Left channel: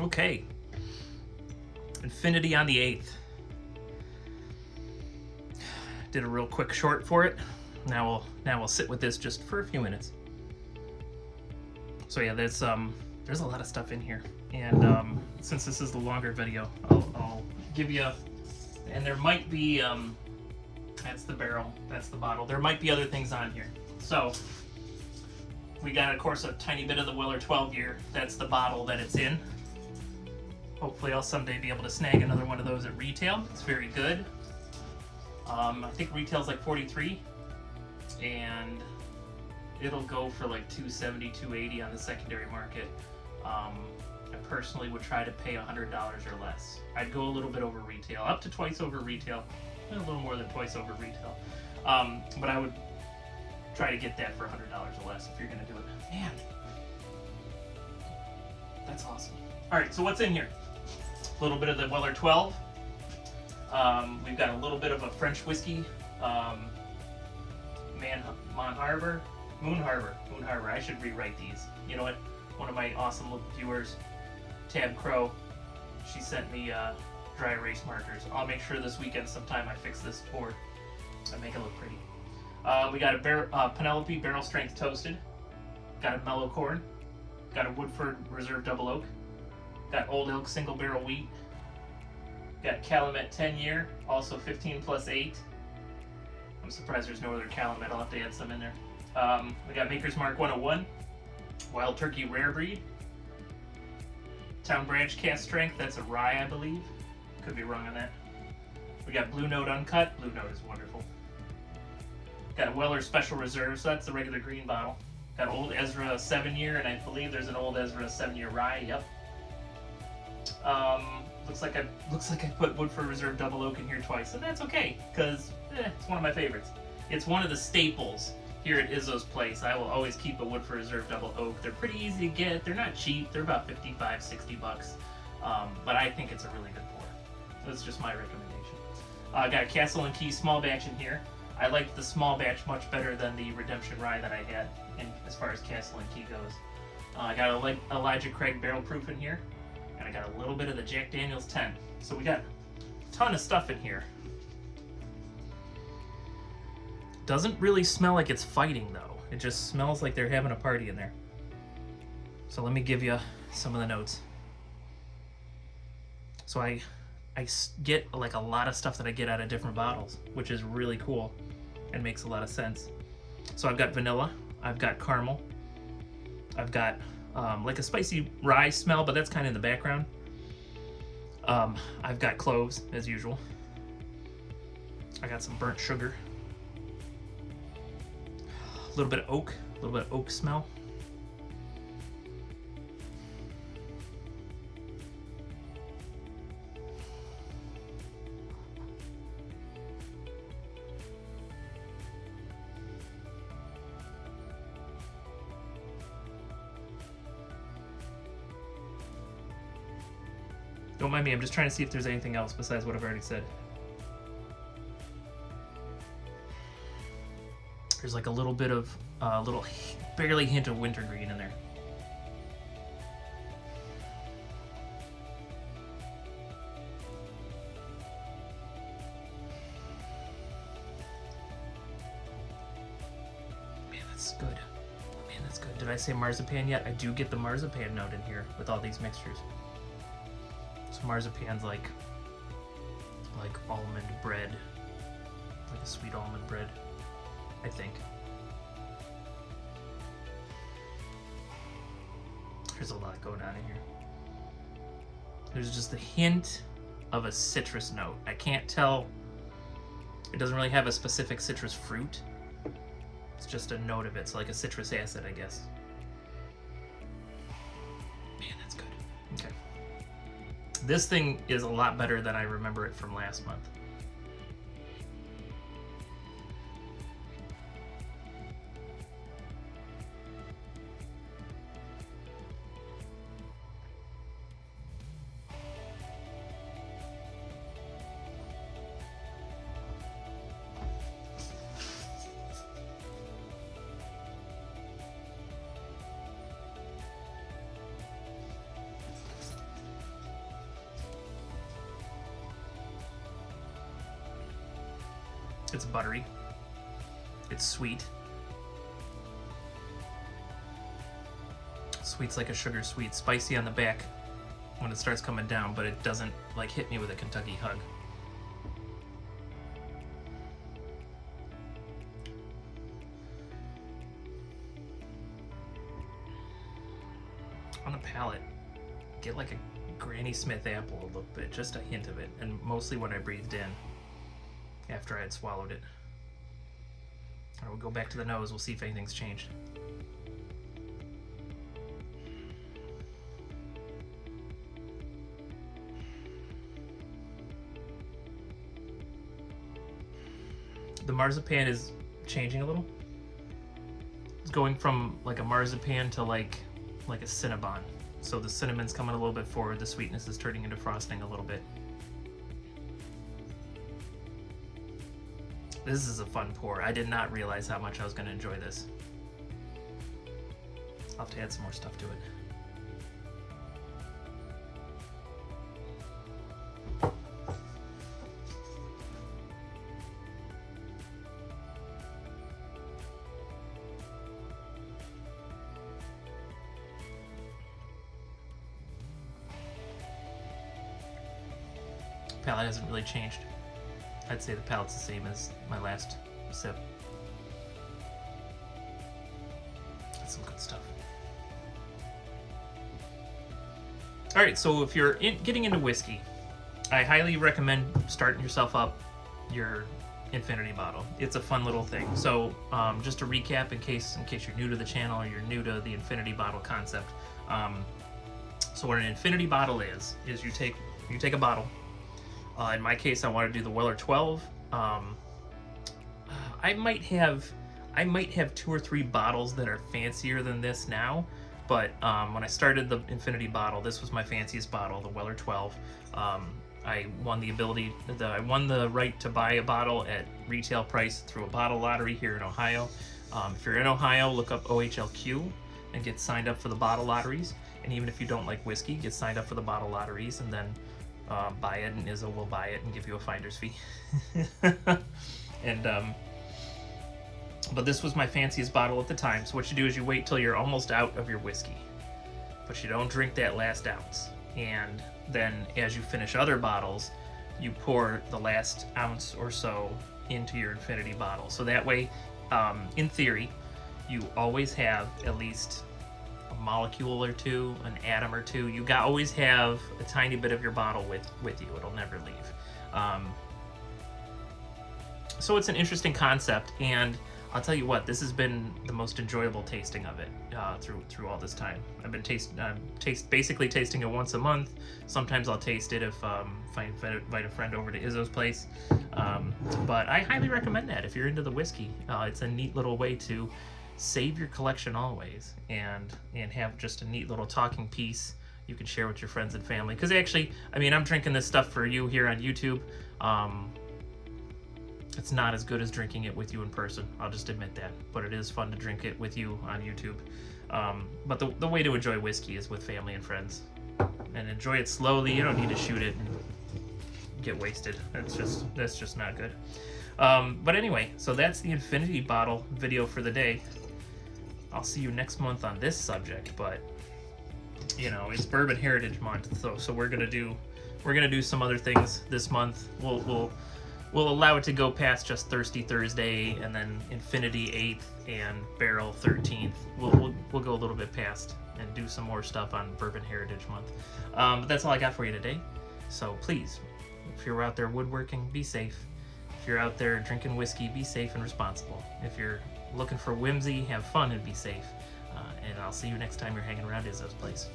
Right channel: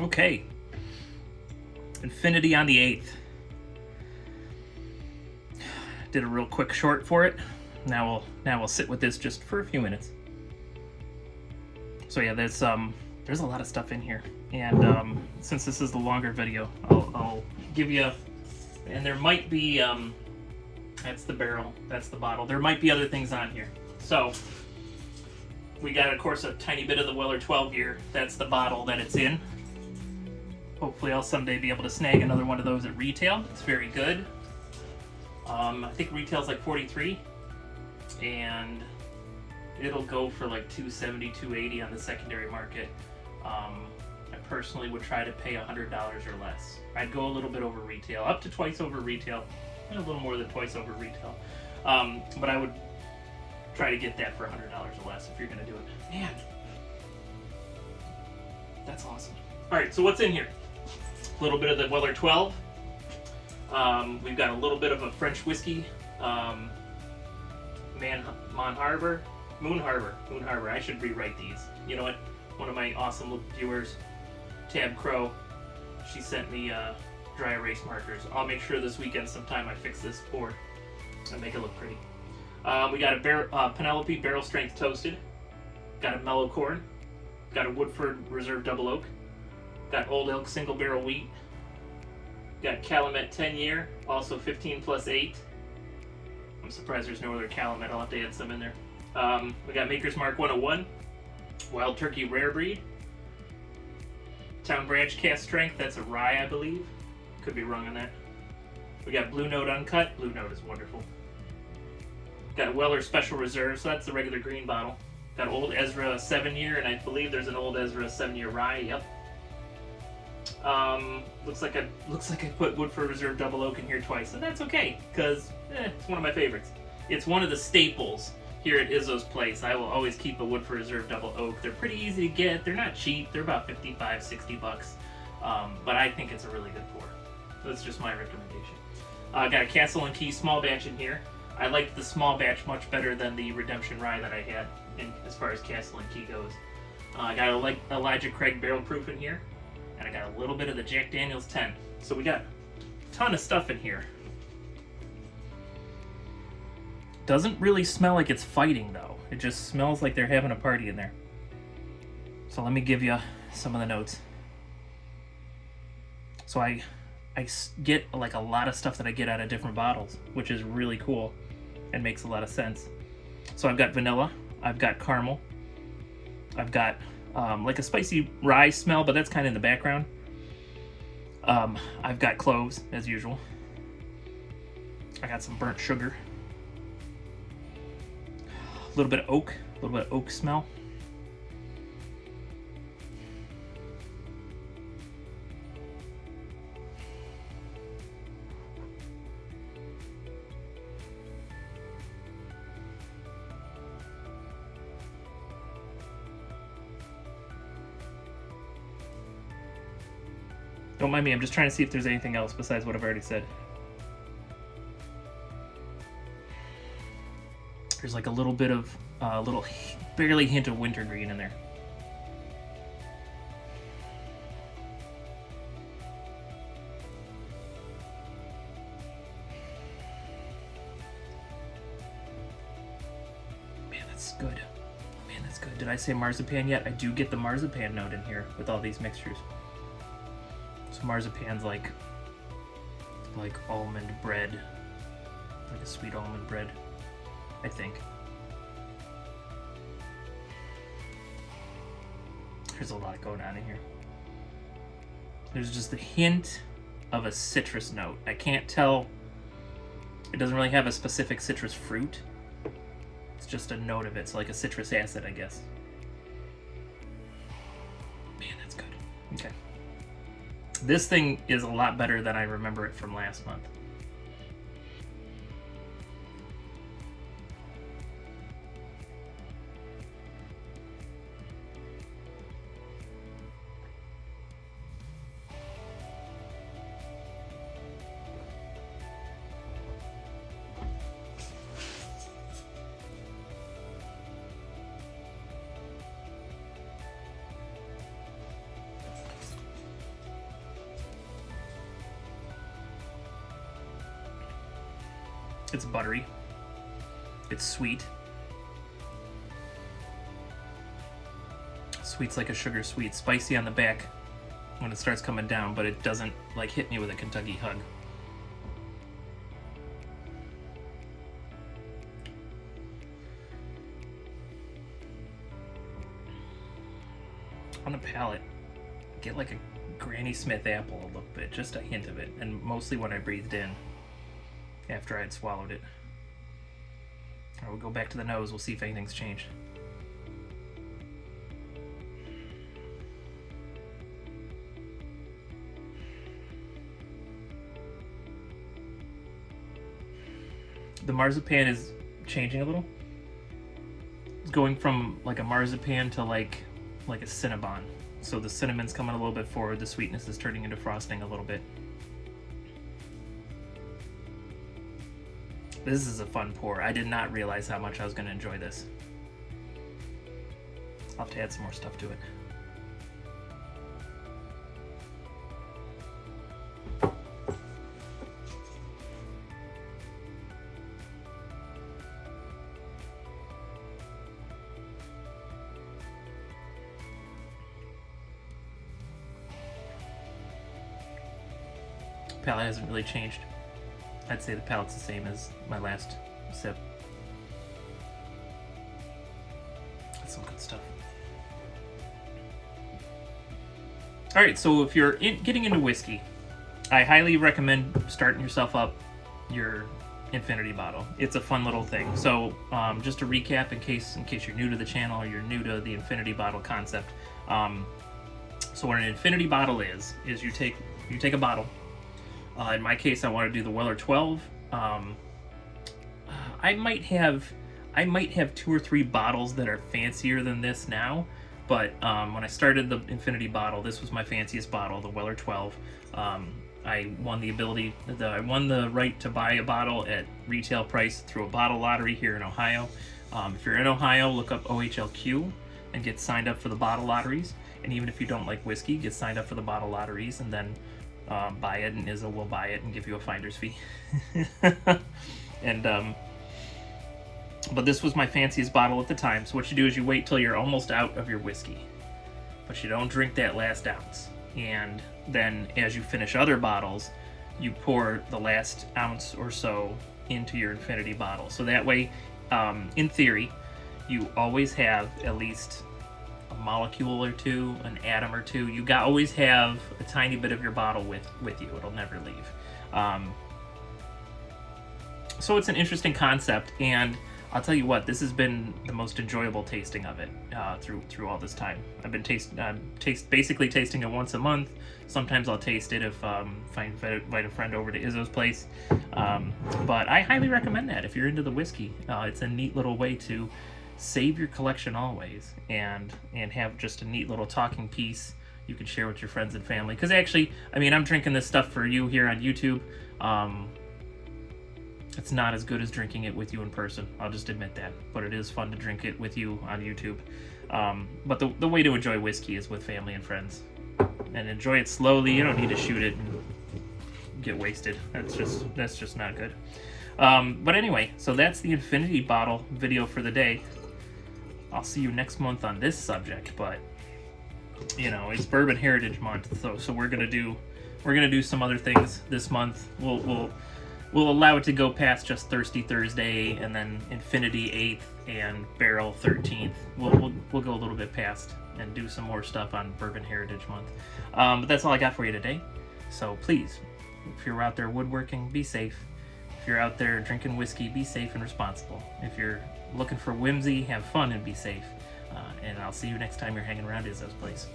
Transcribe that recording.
Okay. Infinity on the 8th. Did a real quick short for it. Now we'll sit with this just for a few minutes. So yeah, there's a lot of stuff in here, and since this is the longer video, I'll give you, and there might be that's the barrel, that's the bottle. There might be other things on here. So we got, of course, a tiny bit of the Weller 12 year. That's the bottle that it's in. Hopefully I'll someday be able to snag another one of those at retail. It's very good. I think retail's like 43, and it'll go for like 270, 280 on the secondary market. I personally would try to pay $100 or less. I'd go a little bit over retail, up to twice over retail, a little more than twice over retail. But I would try to get that for $100 or less if you're gonna do it. Man, that's awesome. All right, so what's in here? A little bit of the Weller 12. We've got a little bit of a French whiskey, Moon Harbor. I should rewrite these. You know what? One of my awesome viewers, Tab Crow, she sent me dry erase markers. I'll make sure this weekend sometime I fix this board and make it look pretty. We got a Penelope barrel strength toasted. Got a mellow corn. Got a Woodford Reserve double oak. Got Old Elk single barrel wheat. Got Calumet 10 year, also 15 plus 8. I'm surprised there's no other Calumet. I'll have to add some in there. We got Maker's Mark 101, Wild Turkey Rare Breed, Town Branch Cask Strength, that's a rye, I believe. Could be wrong on that. We got Blue Note Uncut. Blue Note is wonderful. Got a Weller Special Reserve, so that's the regular green bottle. Got Old Ezra 7 year, and I believe there's an Old Ezra 7 year rye, yep. Looks like I put Woodford Reserve double oak in here twice, and that's okay, because it's one of my favorites. It's one of the staples here at Izzo's place. I will always keep a Woodford Reserve double oak. They're pretty easy to get. They're not cheap. They're about 55, 60 bucks. But I think it's a really good pour. So it's just my recommendation. Got a Castle and Key small batch in here. I liked the small batch much better than the Redemption Rye that I had, as far as Castle and Key goes. I got a Elijah Craig barrel proof in here. And I got a little bit of the Jack Daniel's 10. So we got a ton of stuff in here. Doesn't really smell like it's fighting though. It just smells like they're having a party in there. So let me give you some of the notes. So I get like a lot of stuff that I get out of different bottles, which is really cool and makes a lot of sense. So I've got vanilla, I've got caramel, I've got like a spicy rye smell, but that's kind of in the background. I've got cloves, as usual. I got some burnt sugar. A little bit of oak smell. Don't mind me, I'm just trying to see if there's anything else besides what I've already said. There's like a little bit of, barely hint of wintergreen in there. Man, that's good. Man, that's good. Did I say marzipan yet? I do get the marzipan note in here with all these mixtures. Marzipan's like almond bread, like a sweet almond bread, I think. There's a lot going on in here. There's just a hint of a citrus note. I can't tell. It doesn't really have a specific citrus fruit. It's just a note of it. It's like a citrus acid, I guess. Man, that's good. Okay. This thing is a lot better than I remember it from last month. It's buttery. It's sweet. Sweet's like a sugar sweet. Spicy on the back when it starts coming down, but it doesn't like hit me with a Kentucky hug. On the palate, get like a Granny Smith apple a little bit, just a hint of it, and mostly when I breathed in after I had swallowed it. All right, we'll go back to the nose, we'll see if anything's changed. The marzipan is changing a little. It's going from like a marzipan to like a Cinnabon. So the cinnamon's coming a little bit forward, the sweetness is turning into frosting a little bit. This is a fun pour. I did not realize how much I was going to enjoy this. I'll have to add some more stuff to it. Palate hasn't really changed. I'd say the palate's the same as my last sip. That's some good stuff. Alright, so if you're getting into whiskey, I highly recommend starting yourself up your infinity bottle. It's a fun little thing. So just to recap, in case you're new to the channel or you're new to the infinity bottle concept. So what an infinity bottle is you take a bottle. In my case, I want to do the Weller 12. I might have 2 or 3 bottles that are fancier than this now, but when I started the infinity bottle, this was my fanciest bottle, the Weller 12. I won the right to buy a bottle at retail price through a bottle lottery here in Ohio. If you're in Ohio, look up OHLQ and get signed up for the bottle lotteries. And even if you don't like whiskey, get signed up for the bottle lotteries, and then buy it, and Izzo will buy it and give you a finder's fee. And but this was my fanciest bottle at the time. So what you do is you wait till you're almost out of your whiskey, but you don't drink that last ounce. And then as you finish other bottles, you pour the last ounce or so into your infinity bottle. So that way, in theory, you always have at least a molecule or two, an atom or two. You always have a tiny bit of your bottle with you. It'll never leave. So it's an interesting concept, and I'll tell you what, this has been the most enjoyable tasting of it through all this time. I've been basically tasting it once a month. Sometimes I'll taste it if I invite a friend over to Izzo's place. But I highly recommend that if you're into the whiskey. It's a neat little way to save your collection always, and have just a neat little talking piece you can share with your friends and family. Because actually, I mean, I'm drinking this stuff for you here on YouTube. It's not as good as drinking it with you in person, I'll just admit that, but it is fun to drink it with you on YouTube. But the way to enjoy whiskey is with family and friends, and enjoy it slowly. You don't need to shoot it and get wasted. That's just not good. But anyway, so that's the infinity bottle video for the day. I'll see you next month on this subject, but you know, it's Bourbon Heritage Month, so we're gonna do some other things this month. We'll allow it to go past just Thirsty Thursday, and then Infinity 8th and Barrel 13th. We'll go a little bit past and do some more stuff on Bourbon Heritage Month. But that's all I got for you today. So please, if you're out there woodworking, be safe. If you're out there drinking whiskey, be safe and responsible. If you're looking for whimsy, have fun and be safe. And I'll see you next time you're hanging around Izzo's place.